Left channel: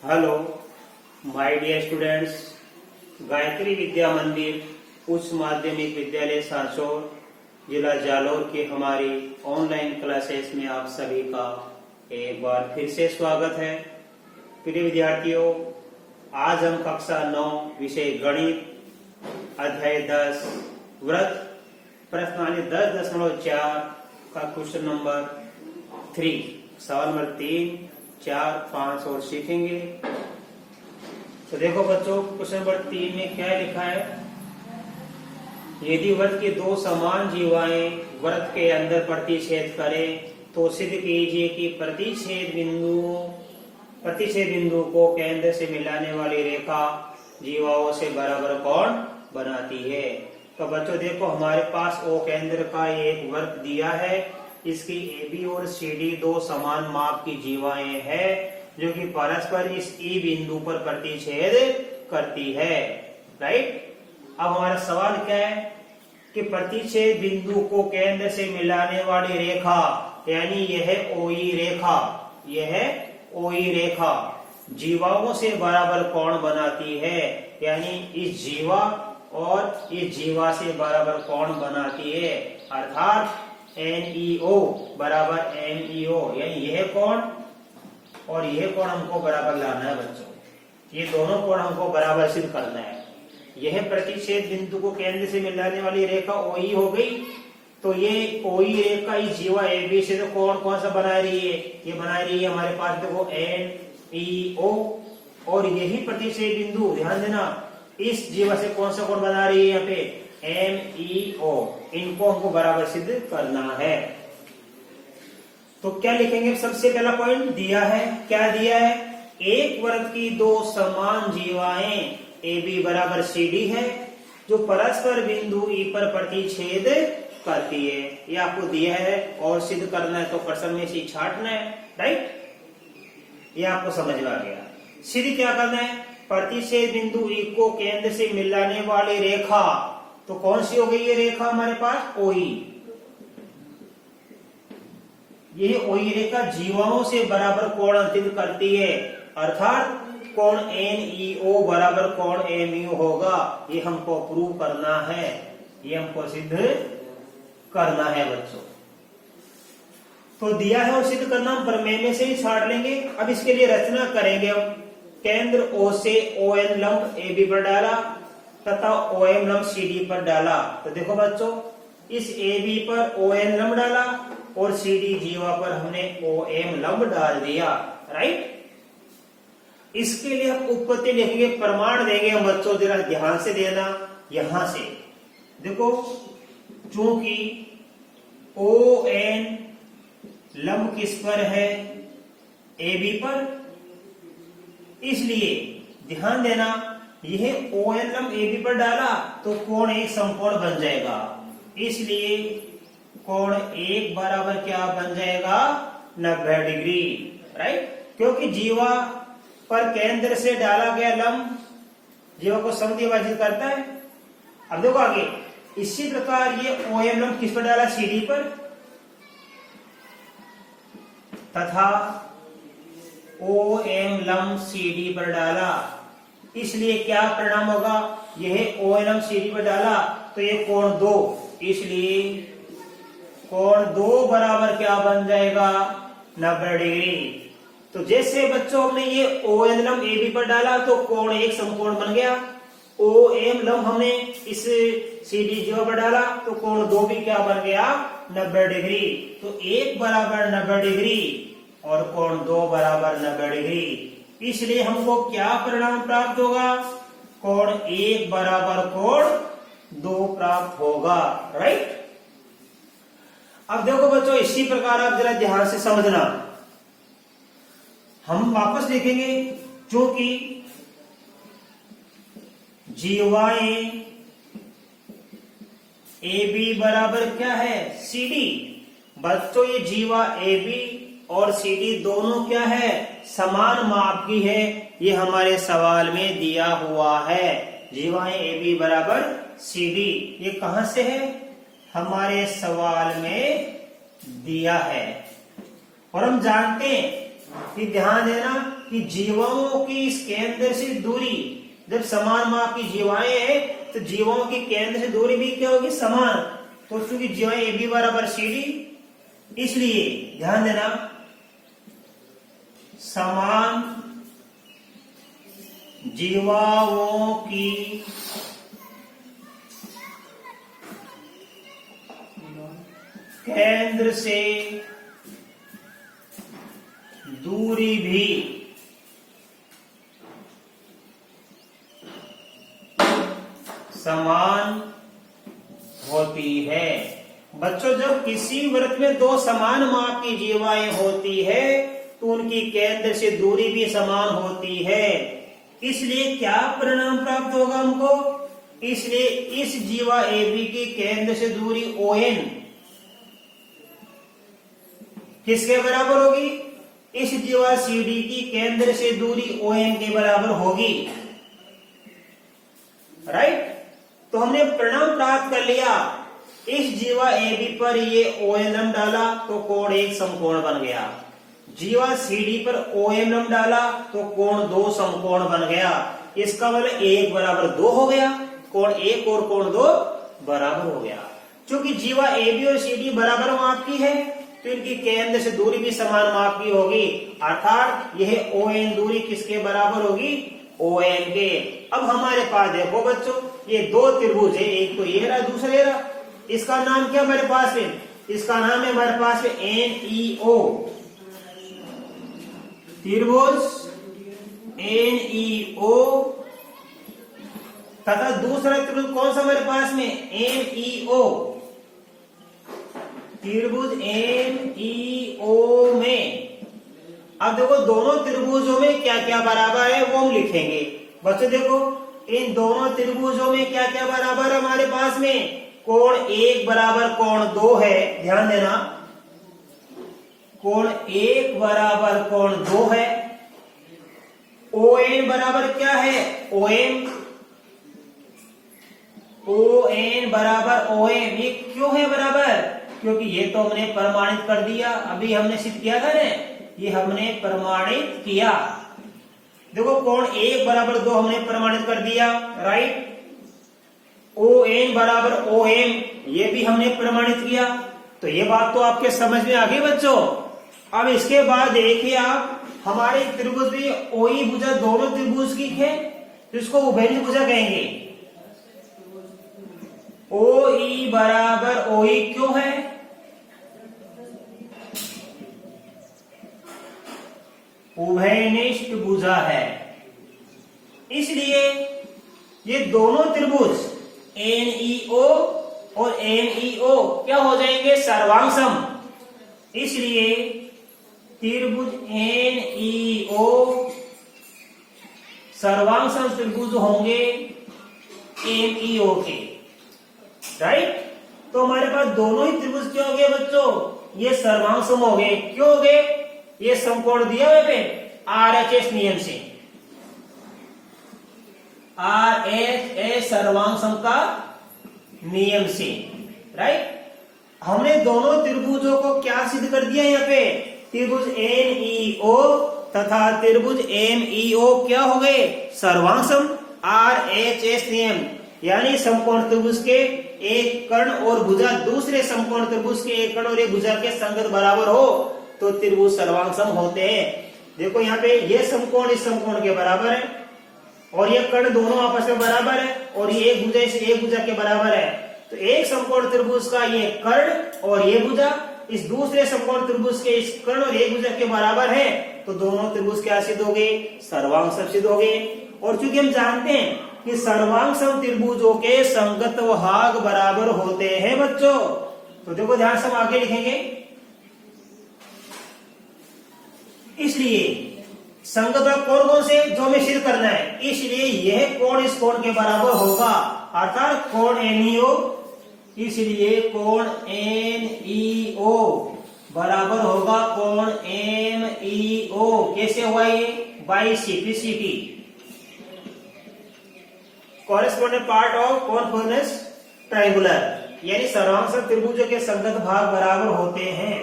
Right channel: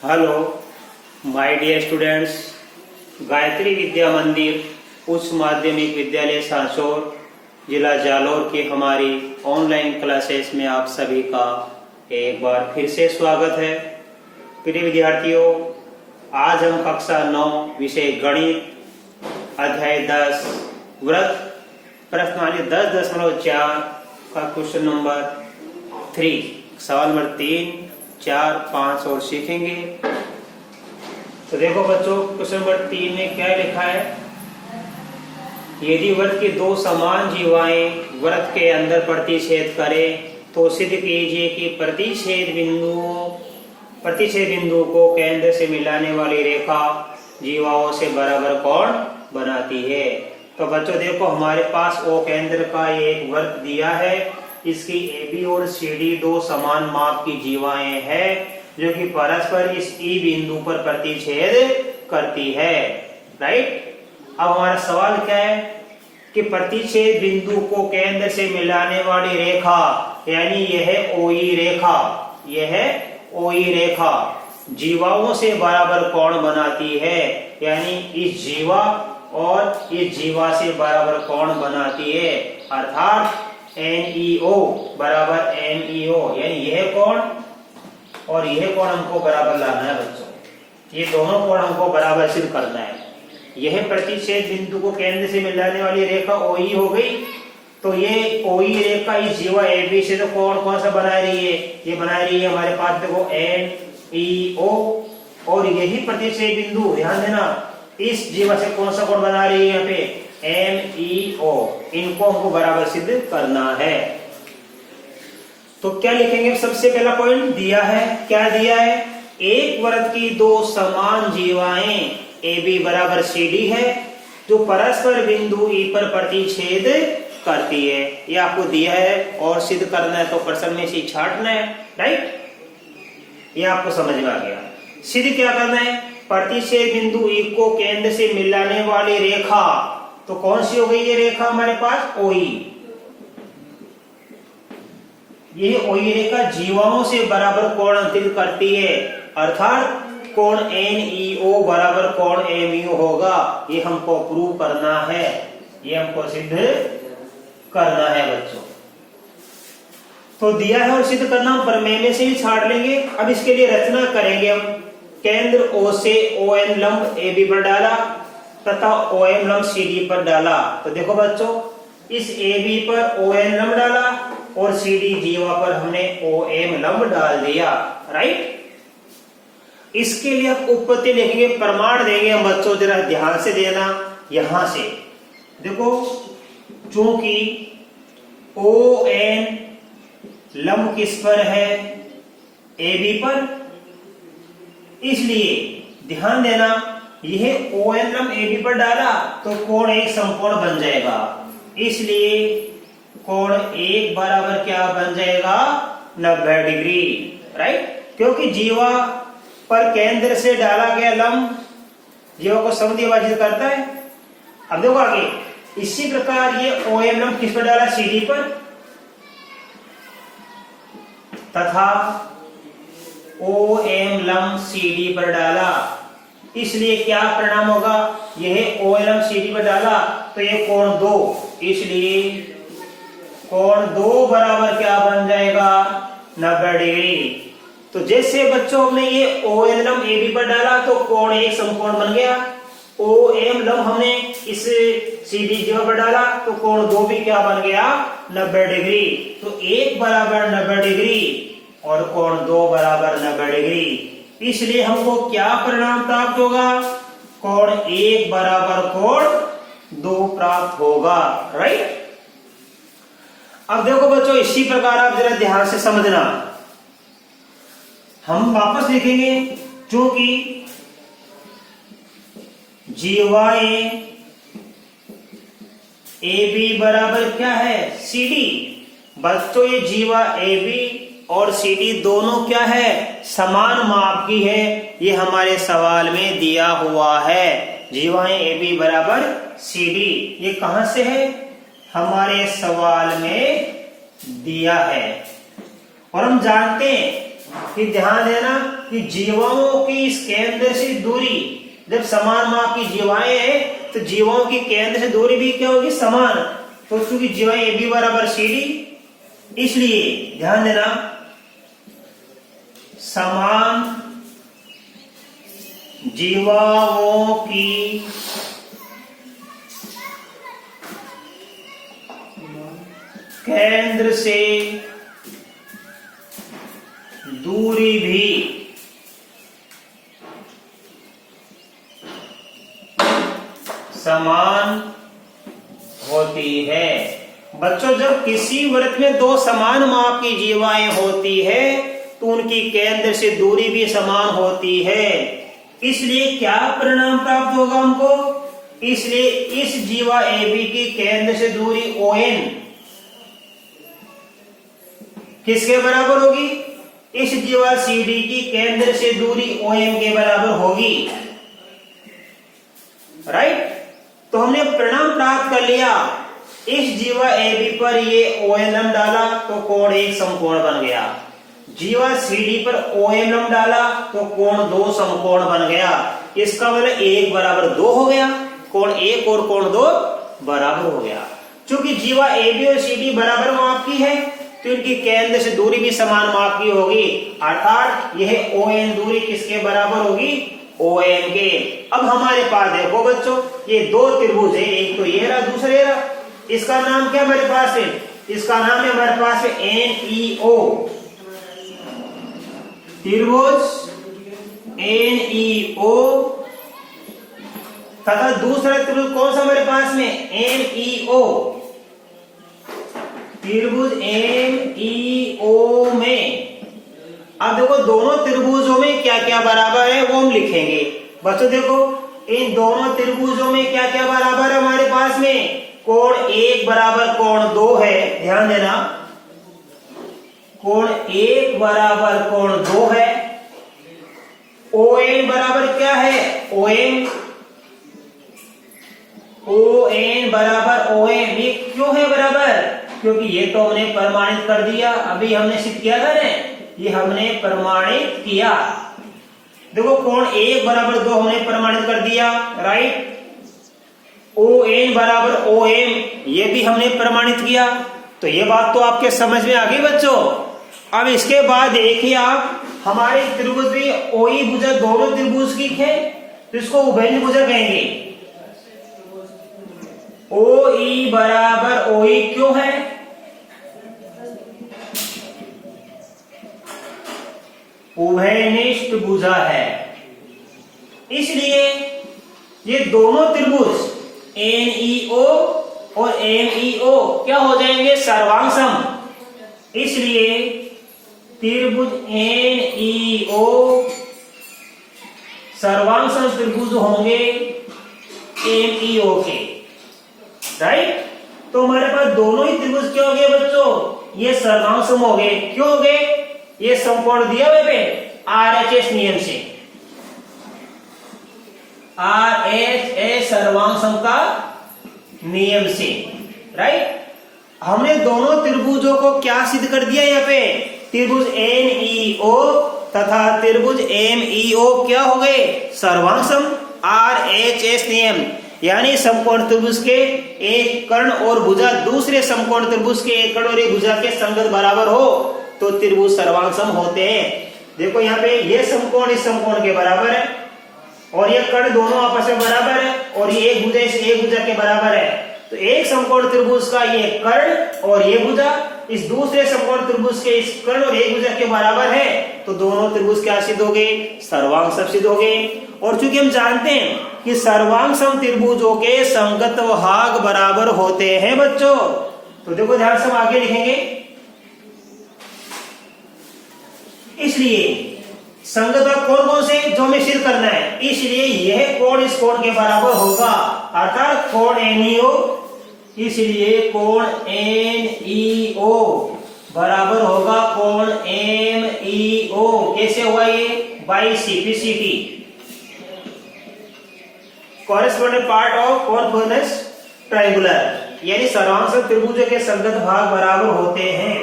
Hello my dear students, Gayatri Vidya Mandir उच्च माध्यमिक विद्यालय सांसोर जिला जालौर की हमारी ऑनलाइन क्लासेस में आप सभी का एक बार फिर से स्वागत है। प्रिय विद्यार्थियों, आज हम कक्षा 9 विषय गणित अध्याय 10 व्रत प्रश्नावली 10.4 का क्वेश्चन नंबर 3 सवाल नंबर 3, 4, 5 और सीखेंगे। तो देखो बच्चों, क्वेश्चन नंबर 3 में क्या लिखा है। यदि वृत्त की दो समान जीवाएं वृत्त के अंदर प्रतिच्छेद करें तो सिद्ध कीजिए कि प्रतिच्छेद बिंदु को केंद्र से मिलाने वाली रेखा जीवाओं से बराबर कोण बनाती है। तो बच्चों देखो, हमारे पास ओ केंद्र का एक वृत्त दिया है। इसकी AB और CD दो समान माप की जीवाएं हैं जो कि परस्पर इस E बिंदु पर प्रतिच्छेद करती है। राइट। अब हमारा सवाल क्या है कि प्रतिच्छेद बिंदु को केंद्र से मिलाने वाली रेखा, यानी यह OE रेखा जीवाओं से बराबर कोण बनाती है, यानी इस जीवा और इस जीवा से बराबर कोण बनाती है। अर्थात NEO बराबर NEO, यानी यह कोण और यह कोण हमको बराबर लाना है बच्चों। ये दोनों कोण हमको बराबर सिद्ध करना है। यह प्रतिच्छेद बिंदु को केंद्र से मिलाने वाली रेखा OE हो गई। तो ये OE रेखा इस जीवा AB से तो कोण कौन सा बना रही है? ये बना रही है हमारे पास देखो NEO। और यही प्रतिच्छेद बिंदु, ध्यान देना, इस जीवा से कौन सा कोण बना रही है? यहाँ पे MEO। इनको हमको बराबर सिद्ध करना है। तो क्या लिखेंगे? सबसे पहला पॉइंट दिया है, क्या दिया है? एक वृत्त की दो समान जीवाएं AB बराबर CD है जो परस्पर बिंदु E पर प्रतिच्छेद करती है। ये आपको दिया है और सिद्ध करना है तो प्रश्न में से छांटना है। राइट, ये आपको समझ में आ गया। सिद्ध क्या करना है? प्रतिच्छेद बिंदु E को केंद्र से मिलाने वाली रेखा, तो कौन सी हो गई ये रेखा हमारे पास? OE। यह OE रेखा जीवाओं से बराबर कोण अंकित करती है, अर्थात कोण NEO बराबर कोण MEO होगा। ये हमको प्रूव करना है, ये हमको सिद्ध करना है बच्चों। तो दिया है और सिद्ध करना, हम प्रमेय में से ही छाट लेंगे। अब इसके लिए रचना करेंगे हम। केंद्र O से OM लंब AB पर डाला तथा OM लंब CD पर डाला। तो देखो बच्चों, इस AB पर OM लंब डाला और CD जीवा पर हमने OM लंब डाल दिया। राइट। इसके लिए हम उत्पत्ति लिखेंगे, प्रमाण देंगे हम बच्चों, जरा ध्यान से देना। यहां से देखो, चूंकि ON लंब किस पर है? AB पर, इसलिए ध्यान देना, यह ON लंब AB पर डाला तो कोण एक समकोण बन जाएगा। इसलिए कोण एक बराबर क्या बन जाएगा? 90 डिग्री। राइट, क्योंकि जीवा पर केंद्र से डाला गया लंब जीवा को समद्विभाजित करता है। अब देखो आगे, इसी प्रकार ये OM लंब किस पर डाला? CD पर, तथा OM लंब CD पर डाला। इसलिए क्या परिणाम होगा? यह OM लंब CD पर डाला तो ये कोण 2, इसलिए कोण 2 बराबर क्या बन जाएगा? 90 डिग्री। तो जैसे बच्चों हमने ये ON लंब AB पर डाला तो कोण एक समकोण बन गया। OM लंब हमने इस CD जीवा पर डाला तो कोण 2 भी क्या बन गया? 90 डिग्री। तो एक बराबर 90 डिग्री और कोण 2 बराबर 90 डिग्री। इसलिए हमको क्या परिणाम प्राप्त होगा? कोण 1 बराबर कोण 2 प्राप्त होगा। राइट। अब देखो बच्चों, इसी प्रकार आप जरा ध्यान से समझना। हम वापस लिखेंगे, क्योंकि जीवाएं AB बराबर क्या है? CD। बच्चों, ये जीवा AB और CD दोनों क्या है? समान माप की है। ये हमारे सवाल में दिया हुआ है। जीवाएं AB बराबर CD, ये कहां से है? हमारे सवाल में दिया है। और हम जानते हैं कि ध्यान देना, कि जीवाओं की इस केंद्र से दूरी, जब समान माप की जीवाएं हैं तो जीवाओं की केंद्र से दूरी भी क्या होगी, समान। तो चूंकि जीवाएं ए बी बराबर सी डी, इसलिए ध्यान देना समान जीवाओं की केंद्र से दूरी भी समान होती है। बच्चों, जब किसी वृत्त में दो समान माप की जीवाएं होती है तो उनकी केंद्र से दूरी भी समान होती है। इसलिए क्या परिणाम प्राप्त होगा हमको, इसलिए इस जीवा ए बी की केंद्र से दूरी ON किसके बराबर होगी, इस जीवा सी डी की केंद्र से दूरी OM के बराबर होगी। राइट, तो हमने परिणाम प्राप्त कर लिया। इस जीवा ए बी पर ये OLM डाला तो कोण एक समकोण बन गया, जीवा सी डी पर OMM डाला तो कोण दो समकोण बन गया। इसका मतलब 1 बराबर 2 हो गया, कोण 1 और कोण 2 बराबर हो गया। चूंकि जीवा ए बी और सी डी बराबर माप की है तो इनकी केंद्र से दूरी भी समान माप की होगी, अर्थात यह ON दूरी किसके बराबर होगी, OM के। अब हमारे पास देखो बच्चों, ये दो त्रिभुज है, एक तो ये रहा, दूसरा ये रहा। इसका नाम क्या हमारे पास है, इसका नाम है हमारे पास है NEO त्रिभुज NEO, तथा दूसरा त्रिभुज कौन सा हमारे पास में, MEO त्रिभुज MEO में। अब देखो दोनों त्रिभुजों में क्या क्या बराबर है वो हम लिखेंगे। बच्चों देखो, इन दोनों त्रिभुजों में क्या क्या बराबर है हमारे पास में, कोण 1 बराबर कोण 2 है, ध्यान देना, कोण 1 बराबर कोण 2 है। ON बराबर क्या है, ON बराबर OM। ये क्यों है बराबर, क्योंकि ये तो हमने प्रमाणित कर दिया, अभी हमने सिद्ध किया था ना, ये हमने प्रमाणित किया। देखो कोण 1 बराबर 2 हमने प्रमाणित कर दिया, राइट। ON बराबर OM ये भी हमने प्रमाणित किया। तो ये बात तो आपके समझ में आ गई बच्चों। अब इसके बाद देखिए आप, हमारे त्रिभुज भी OE भुजा दोनों त्रिभुज की है तो इसको उभयनिष्ठ भुजा कहेंगे। OE बराबर OE क्यों है, उभयनिष्ठ भुजा है, इसलिए ये दोनों त्रिभुज NEO और MEO क्या हो जाएंगे, सर्वांग। इसलिए त्रिभुज NEO सर्वांग त्रिभुज होंगे MEO के, राइट। तो हमारे पास दोनों ही त्रिभुज क्या हो गए बच्चों, ये सर्वांग हो गए। क्यों हो गए, ये समकोण दिया हुए पे RHS नियम से, RHS सर्वांग का नियम से, राइट। हमने दोनों त्रिभुजों को क्या सिद्ध कर दिया, यहाँ पे त्रिभुज NEO तथा त्रिभुज MEO क्या हो गए, सर्वांग RHS नियम, यानी समकोण त्रिभुज के एक कर्ण और भुजा दूसरे समकोण त्रिभुज के एक कर्ण और एक भुजा के संगत बराबर हो तो त्रिभुज सर्वांग होते हैं। देखो यहाँ पे ये समकोण इस समकोण के बराबर है और ये कर्ण दोनों आपस में बराबर है और ये एक भुजा इस एक भुजा के बराबर है। तो एक समकोण त्रिभुज का ये कर्ण और ये भुजा इस दूसरे समकोण त्रिभुज के इस कर्ण और एक भुजा के बराबर है, तो दोनों त्रिभुज क्या सिद्ध हो गए, सर्वांग सिद्ध हो गए। और चूंकि हम जानते हैं कि सर्वांग त्रिभुजों के संगत भाग बराबर होते हैं बच्चों, तो देखो ध्यान से हम आगे लिखेंगे। इसलिए संगत भाग कौन कौन से जो हमें सिद्ध करना है, इसलिए यह कोण इस कोण के बराबर होगा, अर्थात कोण NEO, इसलिए कोण NEO बराबर होगा कोण MEO। कैसे हुआ ये, by CPCT, corresponding part of conformance triangular, यानी सर्वांग त्रिभुज के संगत भाग बराबर होते हैं।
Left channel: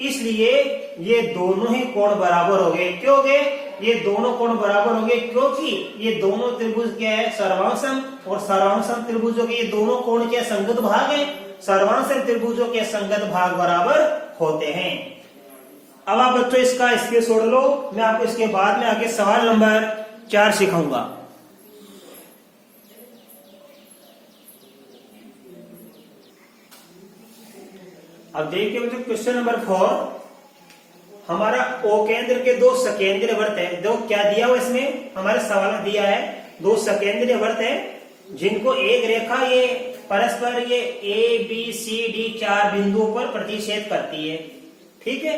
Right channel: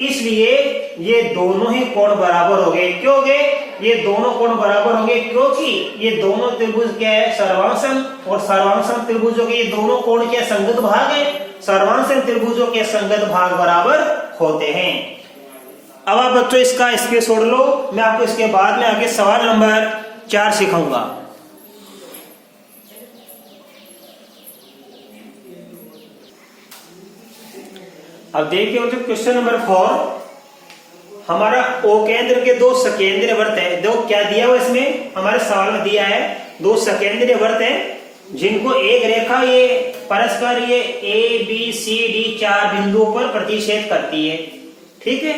इसलिए ये दोनों ही कोण बराबर हो गए। क्यों गए? ये दोनों कोण बराबर हो गए क्योंकि ये दोनों त्रिभुज क्या है? सर्वांगसम, और सर्वांगसम त्रिभुजों के ये दोनों कोण के संगत भाग है। सर्वांगसम त्रिभुजों के संगत भाग बराबर होते हैं। अब आप बच्चों इसका स्पेस छोड़ लो, मैं आपको इसके बाद में आगे सवाल नंबर 4 सिखाऊंगा। अब देखिए बच्चों क्वेश्चन नंबर 4, हमारा ओ केंद्र के दो सकेंद्रीय वृत्त है। देखो क्या दिया हुआ इसमें हमारे सवाल में दिया है, दो सकेंद्रीय वृत्त है जिनको एक रेखा ये परस्पर ये ए बी सी डी 4 बिंदुओं पर प्रतिच्छेद करती है। ठीक है,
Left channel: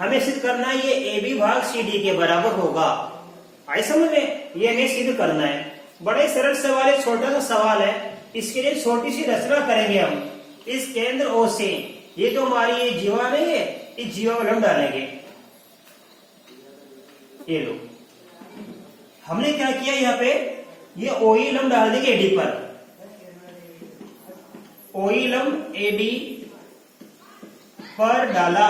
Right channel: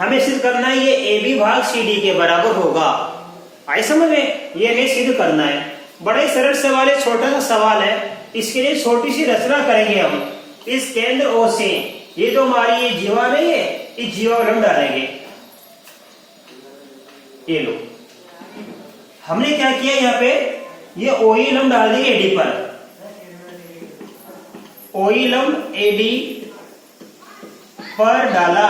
हमें सिद्ध करना है ये ए बी भाग सी डी के बराबर होगा। आई समझ में? ये हमें सिद्ध करना है। बड़ा ही सरल सवाल है, छोटा सा सवाल है। इसके लिए छोटी सी रचना करेंगे हम। इस केंद्र ओ से ये जो हमारी ये जीवा नहीं है, इस जीवा को हम डालेंगे। ये लो, हमने क्या किया यहाँ पे, ये ओई लंब डाल देंगे एडी पर। ओई लंब एडी पर डाला।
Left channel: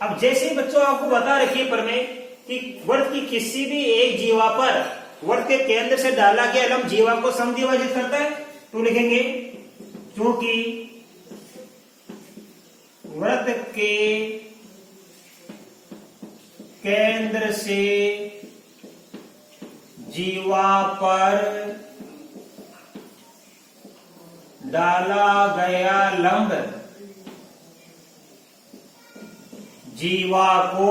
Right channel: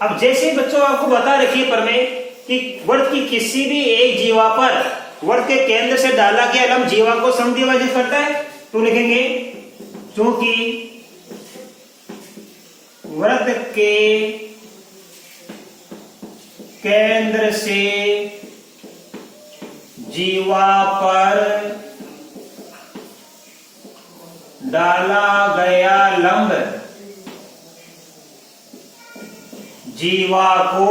अब जैसे बच्चों आपको बता रखी है पर में कि वृत्त की किसी भी एक जीवा पर वृत्त के केंद्र से डाला गया लंब जीवा को समद्विभाजित करता है, तो लिखेंगे क्योंकि वृत्त के केंद्र से जीवा पर डाला गया लंब जीवा को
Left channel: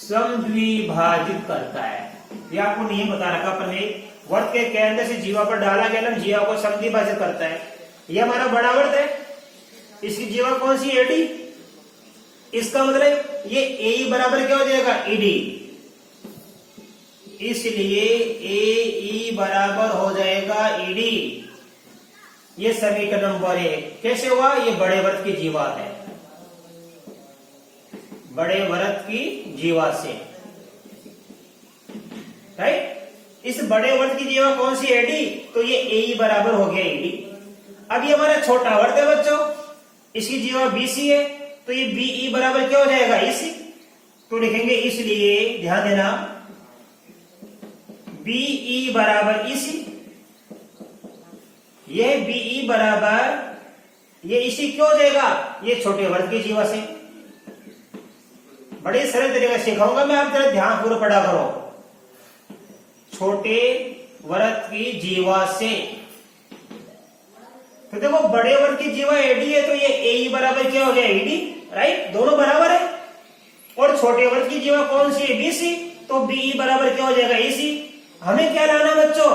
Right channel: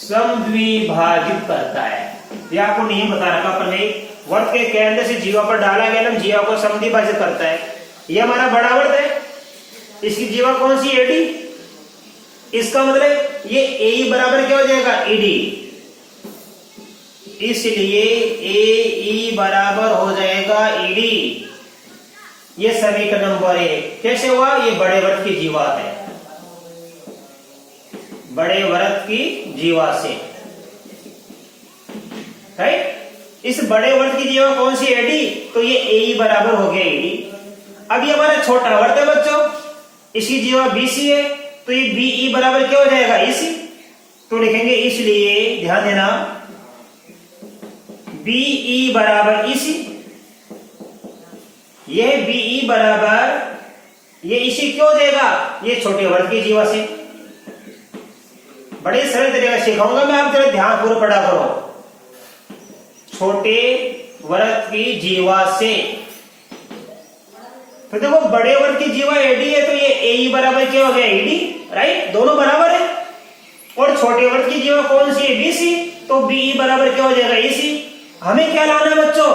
समद्विभाजित करता है। ये आपको नियम बता रखा पर नहीं, वृत्त के केंद्र से जीवा पर डाला गया लंब जीवा को समद्विभाजित करता है। ये हमारा बड़ा वृत्त है, इसकी जीवा कौन सी? एडी। इसका मतलब ये ए बराबर क्या हो जाएगा? ईडी। इसलिए ए बराबर हो जाएगा ईडी। ये समीकरण नंबर 1 कैसे हुआ? ये बड़े वृत्त की जीवा है, बड़े वृत्त की जीवा से, राइट। इस बड़े वृत्त की जीवा कौन सी? एडी। तो ये ए बराबर हो गया एडी। अब ये हमारा छोटा वृत्त है बच्चों, इसकी जीवा बीसी है, तो ये बीई बराबर क्या हो जाएगा? ईसी। तो लिखेंगे इसलिए ध्यान देना बीई बराबर ईसी। यह बीई बराबर ये ईसी क्यों हो जाएगा? ये छोटे वृत्त की जीवा से। बड़े सरल तरीके से सिखाऊंगा मैं, आप जरा ध्यान पूर्वक पढ़ा करो। छोटे वृत्त की जीवा से, तो देखो बड़े वृत्त की जीवा एडी है, तो ये ए बराबर क्या हो गया? ED, right. दोनों बराबर है। और छोटे वृत्त की जीवा कौन सी है? बीसी। तो बीई बराबर क्या हो जाएगा? ईसी। हमें क्या लाना है बच्चों?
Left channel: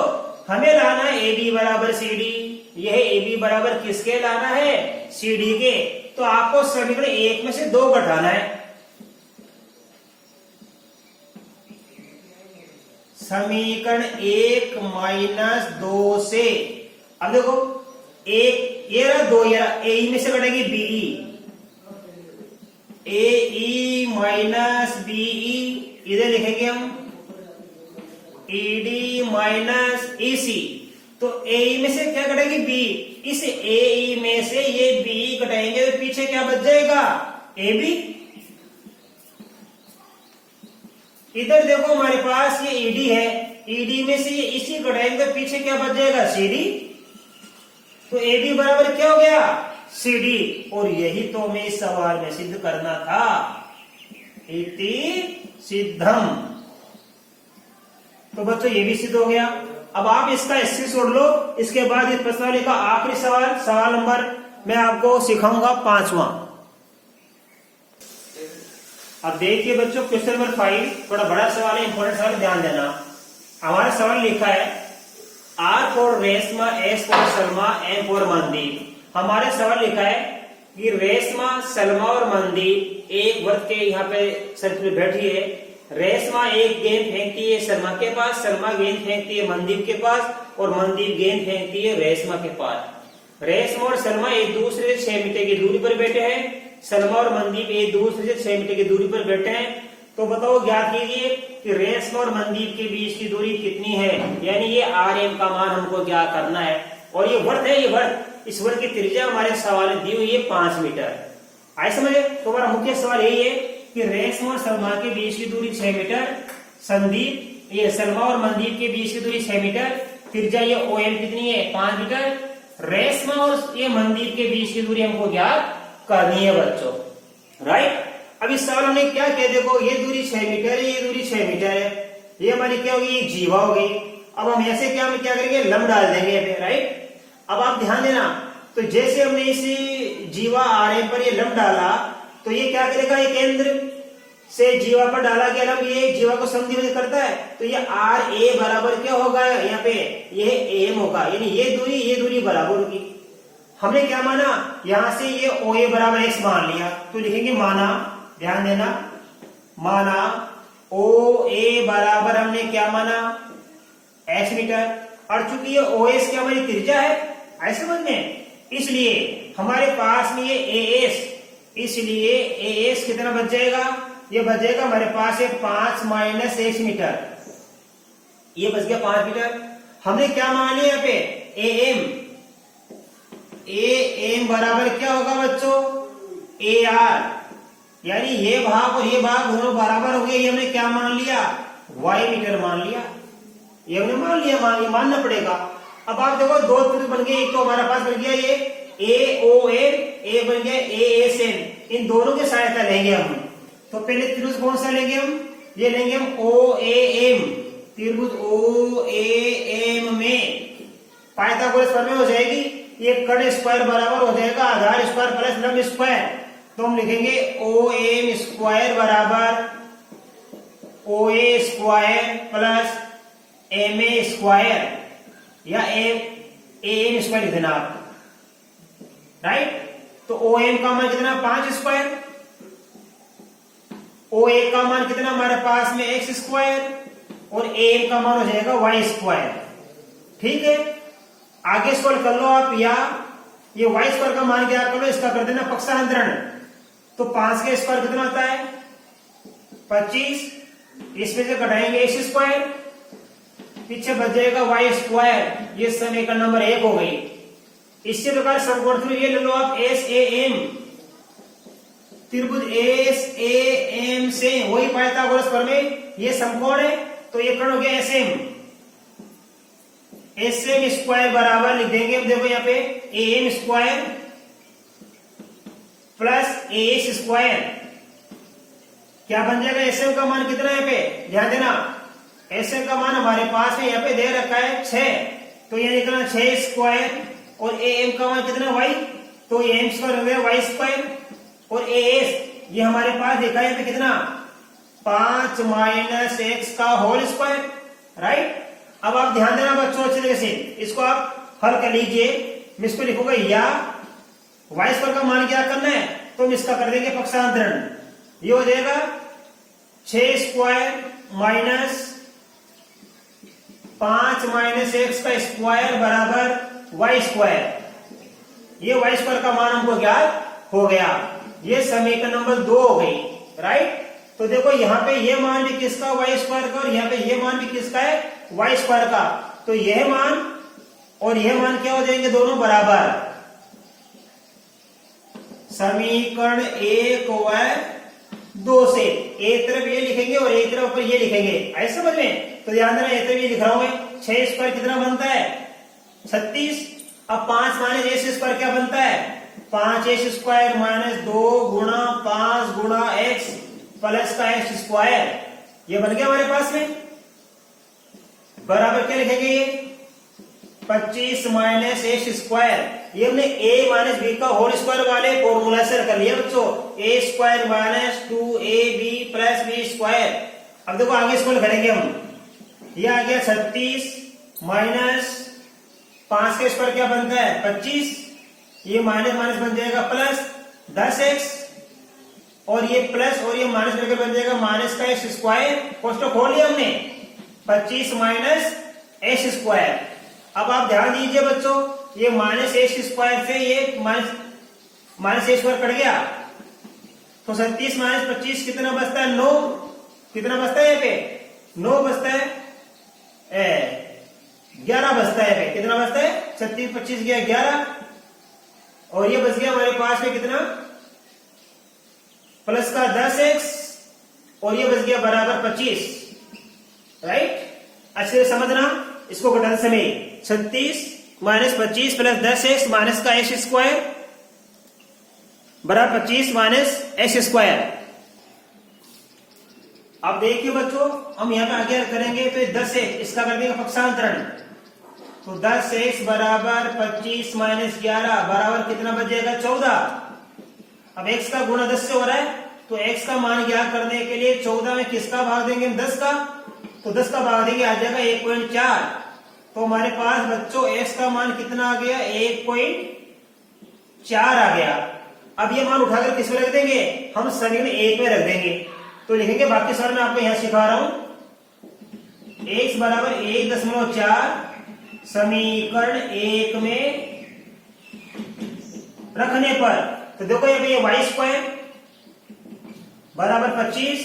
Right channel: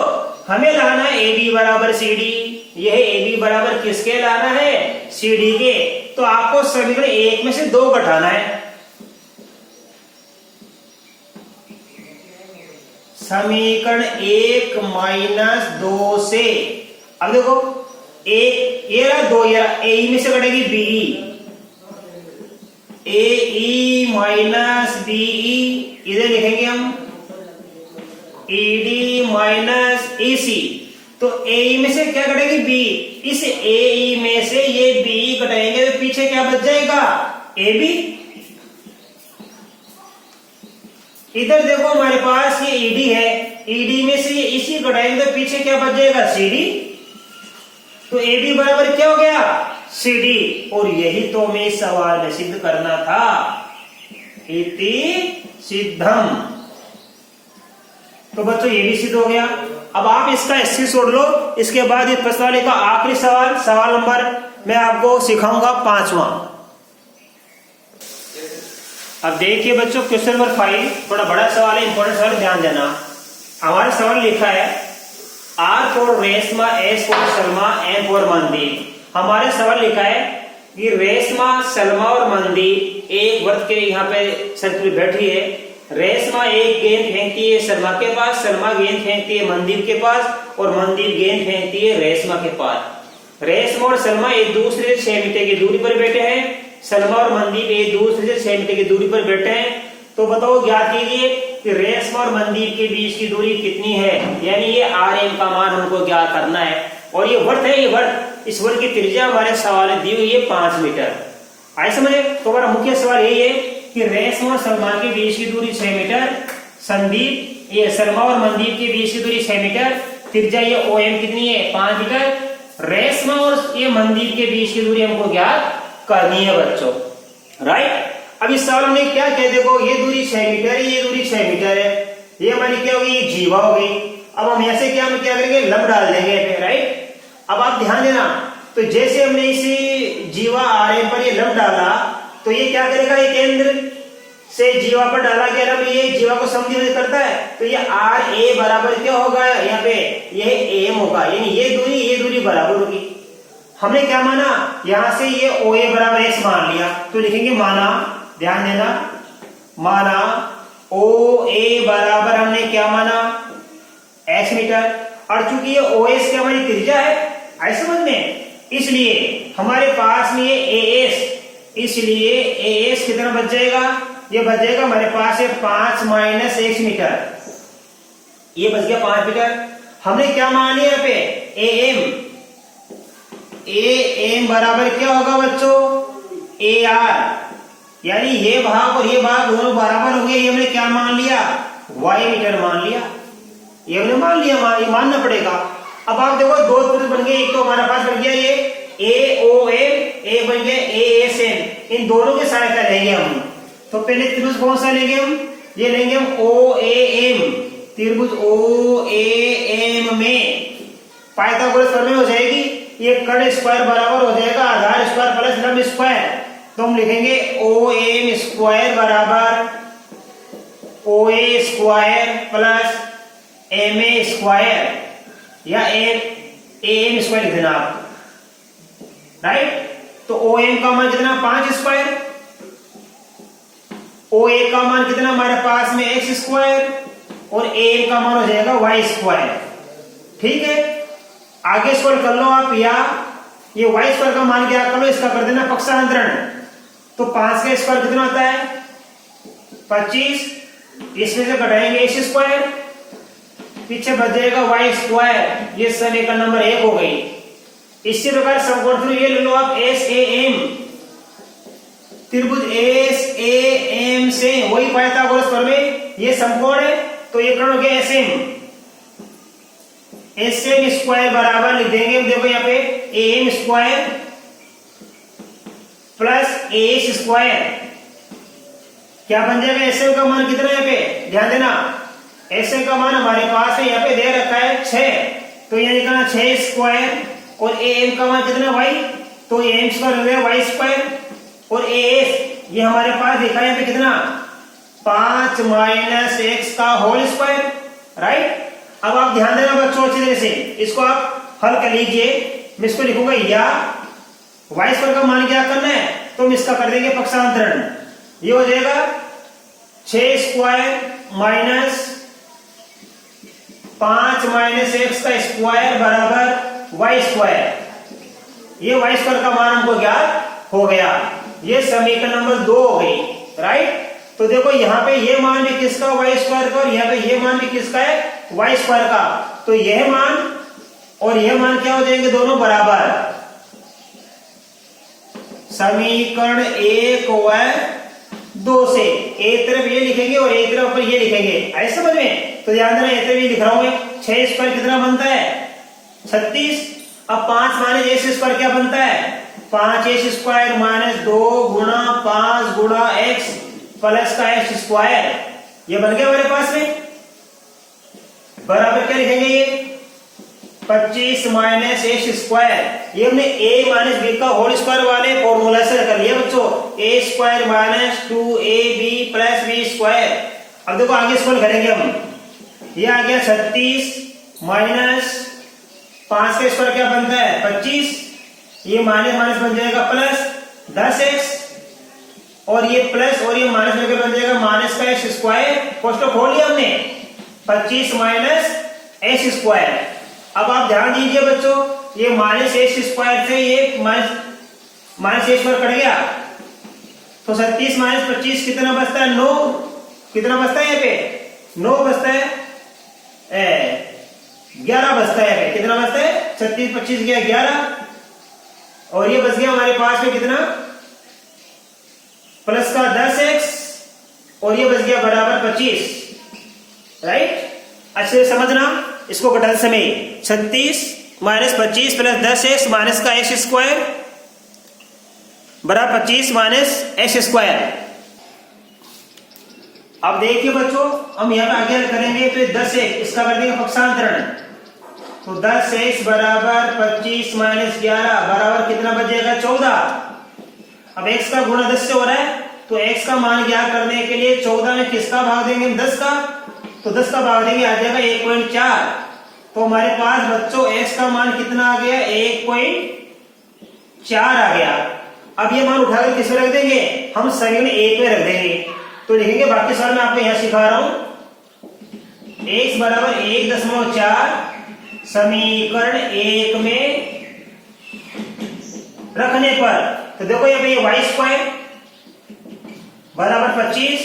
हमें लाना है ए बी बराबर सी डी। यह ए बी बराबर किसके लाना है? सी डी के। तो आपको समीकरण 1 में से 2 घटाना है। समीकरण 1 माइनस 2 से, अब देखो एक ये रहा, 2 ये रहा, ए में से घटेगी बीई, ए माइनस बीई, इधर लिखेंगे हम ईडी माइनस ईसी। तो ए में से क्या घटेगी? बी। इस ए में से ये बी घटाएंगे तो पीछे क्या बच जाएगा? A B. इधर देखो हमारे पास ये ईडी है, ईडी में से ये इसी घटाएंगे तो पीछे क्या बच जाएगा? सीडी। तो एडी बराबर क्या हो गया? सीडी। और यही तो हमें इस सवाल में सिद्ध करना था। इति सिद्धम। तो बच्चों ये भी सिद्ध हो गया। अब आप इसका स्थिर छोड़ लो। इसके बाद इस प्रश्नावली का आखिरी सवाल, सवाल नंबर मैं आपको सिखाऊंगा 5वां। अब देखिए बच्चों क्वेश्चन नंबर 5 थोड़ा बड़ा सवाल है, इंपॉर्टेंट सवाल, ध्यान देना। हमारे सवाल लिखा है R for Reshma, S for Salma, M for mandir. हमारे सवाल लिखा है कि रेशमा, सलमा और मंदिर एक वृत्त के यहाँ पे सर्कल में बैठी है। रेशमा एक गेंद फेंकती है सलमा के पास, सलमा गेंद फेंकती है मंदिर के पास और मंदिर गेंद फेंकती है रेशमा के पास। रेशमा और सलमा एक दूसरे से 6 मीटर की दूरी पर बैठे हैं। सलमा और मंदिर एक दूसरे से 6 मीटर की दूरी पर बैठे हैं। तो तो बताओ, ज्ञात कीजिए कि रेशमा और मंदीप के बीच की दूरी कितनी है, यानी ये RM का मान हमको ज्ञात करना है। और ये वर्त है, ये वर्त, इस वर्त की त्रिज्या हमारे सवाल में दी हुई है 5 मीटर। आए समझे? तो हमारा मुख्य सवाल यही है कि रेशमा और सलमान के बीच की दूरी 6 मीटर, संदीप ये सलमा और मंदीप के बीच की दूरी 6 मीटर, त्रिज्या ये OM कितनी है 5 मीटर, रेशमा और ये मंदीप के बीच की दूरी हमको ज्ञात करनी है बच्चों, राइट। अब इस सवाल में क्या कह, देखो ये दूरी 6 मीटर है, ये दूरी 6 मीटर है, ये हमारी क्या होगी, ये जीवा हो गई। अब हम ऐसे क्या करेंगे, लंब डाल देंगे पे, राइट। अब आप ध्यान देना, तो जैसे हमने इस जीवा RM पर ये लंब डाला, तो ये क्या करेगा, ये केंद्र से जीवा पर डाला गया लंब ये जीवा को समद्विभाजित करता है, तो ये RA बराबर क्या होगा, यहाँ पे ये AM होगा, यानी ये दूरी बराबर होगी। हमने क्या माना, यहां से ये OA बराबर x मान लिया, तो लिखेंगे माना, ध्यान देना, माना OA बराबर हमने क्या माना, x मीटर। और चूंकि ये OS क्या हमारी त्रिज्या है, ऐसे समझ में, इसलिए हमारे पास में ये AS, इसलिए AS कितना बच जाएगा, ये बच जाएगा हमारे पास है 5 माइनस x मीटर, ये बच गया 5 मीटर। हमने क्या मान लिया यहाँ पे AM बराबर क्या होगा बच्चों, AR, यानी ये भाग और ये भाग दोनों बराबर हो गए, ये हमने क्या मान लिया, y मीटर मान लिया, ये हमने मान लिया, ये मानना पड़ेगा। अब आप देखो दो त्रिभुज बन गए, एक तो हमारा पास बन गया ये AOM, एक बन गया ASM, इन दोनों की सहायता लेंगे हम। तो पहले त्रिभुज कौन सा लेंगे हम, ये लेंगे हम OAM, त्रिभुज OAM में पाइथागोरस प्रमेय हो जाएगी, ये कर्ण स्क्वायर बराबर हो जाएगा आधार स्क्वायर प्लस लंब स्क्वायर, तो हम लिखेंगे OM स्क्वायर बराबर OA square plus MA square, या AM स्क्वायर लिख देना आप, राइट। तो OM का मान कितना 5 स्क्वायर, OA का मान कितना हमारे पास में x स्क्वायर, और AM का मान हो जाएगा y स्क्वायर, ठीक है। आगे स्क्वायर कर लो आप, या ये y स्क्वायर का मान क्या कर लो, इसका कर देना पक्षांतरण, तो 5 का स्क्वायर कितना आता है 25, इसमें से घटाएंगे x स्क्वायर, पीछे बच जाएगा y स्क्वायर, ये समीकरण नंबर 1 हो गई। इसी प्रकार समकोण ये ले लो आप SAM, त्रिभुज SAM से वही पाइथागोरस प्रमेय, ये समकोण है, तो ये कर्ण हो गया SM स्क्वायर बराबर लिख देंगे, देखो यहाँ पे AM square plus AS square, क्या बन जाएगा, SM का मान कितना है यहाँ पे, ध्यान देना, SM का मान हमारे पास है यहाँ पे दे रखा है 6, तो ये निकलना 6 स्क्वायर, और AM का मान कितना y, तो AM स्क्वायर हो गया y स्क्वायर, और AS ये हमारे पास देखा है यहाँ पे कितना 5 माइनस x का होल स्क्वायर, राइट। अब आप ध्यान देना बच्चों अच्छी तरह से, इसको आप हल कर लीजिए, मैं इसको लिखूंगा, या y स्क्वायर का मान क्या करना है, तो हम इसका कर देंगे पक्षांतरण, ये हो जाएगा 6 स्क्वायर माइनस 5 माइनस x का स्क्वायर बराबर y स्क्वायर, ये y स्क्वायर का मान हमको ज्ञात हो गया, ये समीकरण नंबर 2 हो गई, राइट। तो देखो यहाँ पे ये मान भी किसका y स्क्वायर का, और यहाँ पे ये मान भी किसका है y स्क्वायर का, तो यह मान और यह मान क्या हो जाएंगे, दोनों बराबर। समीकरण 1 व 2 से एक तरफ ये लिखेंगे और एक तरफ पर ये लिखेंगे, ऐसे समझ में, तो ध्यान देना, एक तरफ ये लिख रहा हूं मैं, 6 स्क्वायर कितना बनता है 36, अब 5 माइनस x स्क्वायर क्या बनता है 5x स्क्वायर माइनस 2 गुणा 5 गुणा x प्लस का x स्क्वायर, ये बन गया हमारे पास में, बराबर क्या लिखेंगे, ये 25 माइनस एक्स स्क्वायर, ये हमने a माइनस बी का होल स्क्वायर वाले फॉर्मूला से कर लिया बच्चों, a square minus 2ab plus B square. अब देखो आगे इसको करेंगे हम, ये आ गया 36 माइनस 5 का स्क्वायर क्या बनता है 25, ये माइनस माइनस बन जाएगा प्लस 10x, और ये प्लस और ये माइनस करके बन जाएगा माइनस का एक्स स्क्वायर, कोष्टक खोल लिया हमने, 25 माइनस एक्स स्क्वायर। अब आप ध्यान दीजिए बच्चों, ये माइनस एक्स स्क्वायर से ये माइनस एक्स स्क्वायर कट गया, तो 37 माइनस 25 कितना बचता है 9, कितना बचता है यहाँ पे 9 बचता है, 11 बचता है। कितना बचता है 36 25 गया 11, और ये बच गया हमारे पास में कितना प्लस का 10x, और ये बच गया बराबर 25, राइट। अच्छे से समझना इसको घटाते समय 36 माइनस 25 प्लस 10x माइनस का एक्स स्क्वायर बराबर 25 माइनस एक्स स्क्वायर। अब देखिए बच्चों, हम यहाँ पे आगे करेंगे तो 10x इसका कर देंगे पक्षांतरण, तो 10x बराबर 25 माइनस 11 बराबर कितना बच जाएगा 14। अब x का गुणा 10 से हो रहा है, तो x का मान ज्ञात करने के लिए 14 में किसका भाग देंगे 10 का, तो 10 का भाग देंगे आ जाएगा 1.4। तो हमारे पास बच्चों x का मान कितना आ गया 1.4 आ गया। अब ये मान उठाकर किस में रख देंगे, हम समीकरण 1 में रख देंगे। तो लिखेंगे, बाकी सवाल मैं आपको यहां सिखा रहा हूं, x बराबर 1.4 समीकरण 1 में रखने पर, तो देखो यहाँ पे ये वाई स्क्वायर बराबर 25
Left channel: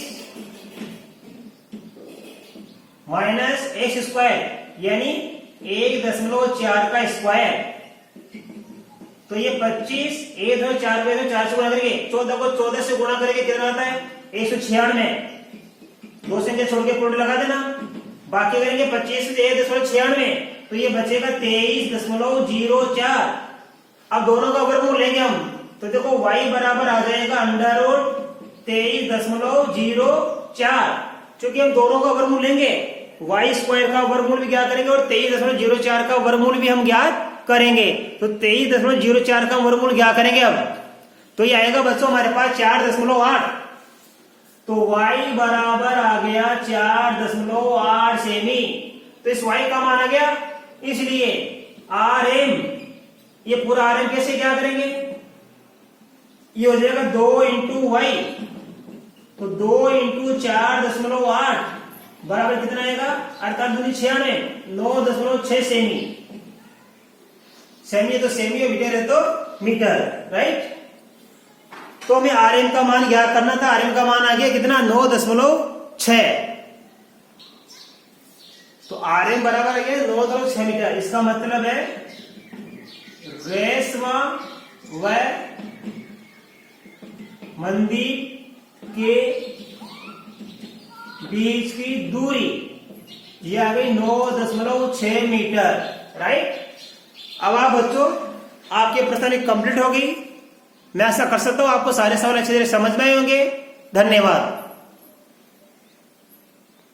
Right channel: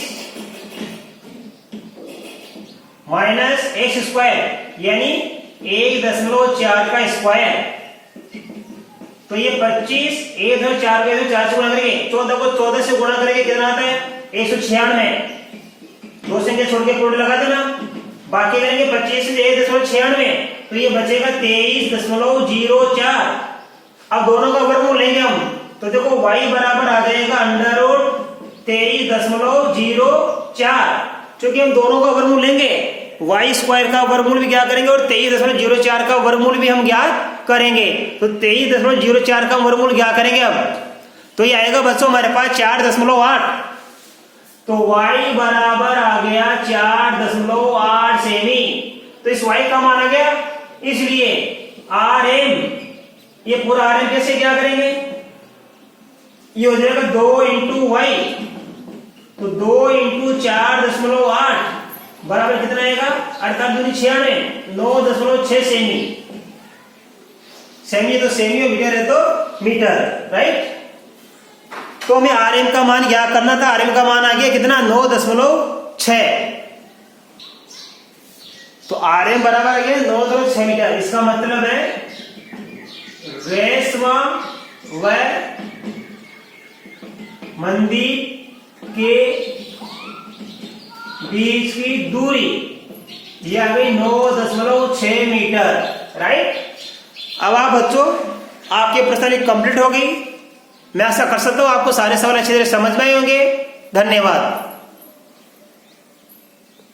माइनस एक्स स्क्वायर यानी 1.4 का स्क्वायर, तो ये 25 1.4 को 4 से गुणा करेंगे, 14 को 14 से गुणा करेंगे कितना आता है 196, 2 संख्या छोड़ के प्रोडक्ट लगा देना, बाकी करेंगे 25 से 1.96, तो ये बचेगा 23.04। अब दोनों का वर्गमूल लेंगे हम, तो देखो y बराबर आ जाएगा अंडर रूट 23.04, क्योंकि हम दोनों का वर्गमूल लेंगे, y स्क्वायर का वर्गमूल भी क्या करेंगे और 23.04 का वर्गमूल भी हम ज्ञात करेंगे। तो 23.04 का वर्गमूल क्या करेंगे अब, तो ये आएगा बच्चों हमारे पास 4.8, तो y बराबर आ गया 4.8 सेमी। तो इस y का मान आ गया, इसलिए rm, ये पूरा rm कैसे क्या करेंगे, ये हो जाएगा 2 इंटू वाई, तो 2 इंटू 4.8 बराबर कितना आएगा 98 9.6 सेमी। सेमी तो सेमी और मीटर है तो मीटर, राइट। तो हमें आरएम का मान क्या करना था, आरएम का मान आ गया कितना 9.6, तो आरएम बराबर आ गया 9.6 मीटर। इसका मतलब है रेशमा व मंदिर के बीच की दूरी ये आ गई 9.6 मीटर, राइट। अब आप बच्चों आपके प्रश्न कंप्लीट हो गई। मैं आशा कर सकता हूं आपको सारे सवाल अच्छे तरह समझ में आए होंगे। धन्यवाद।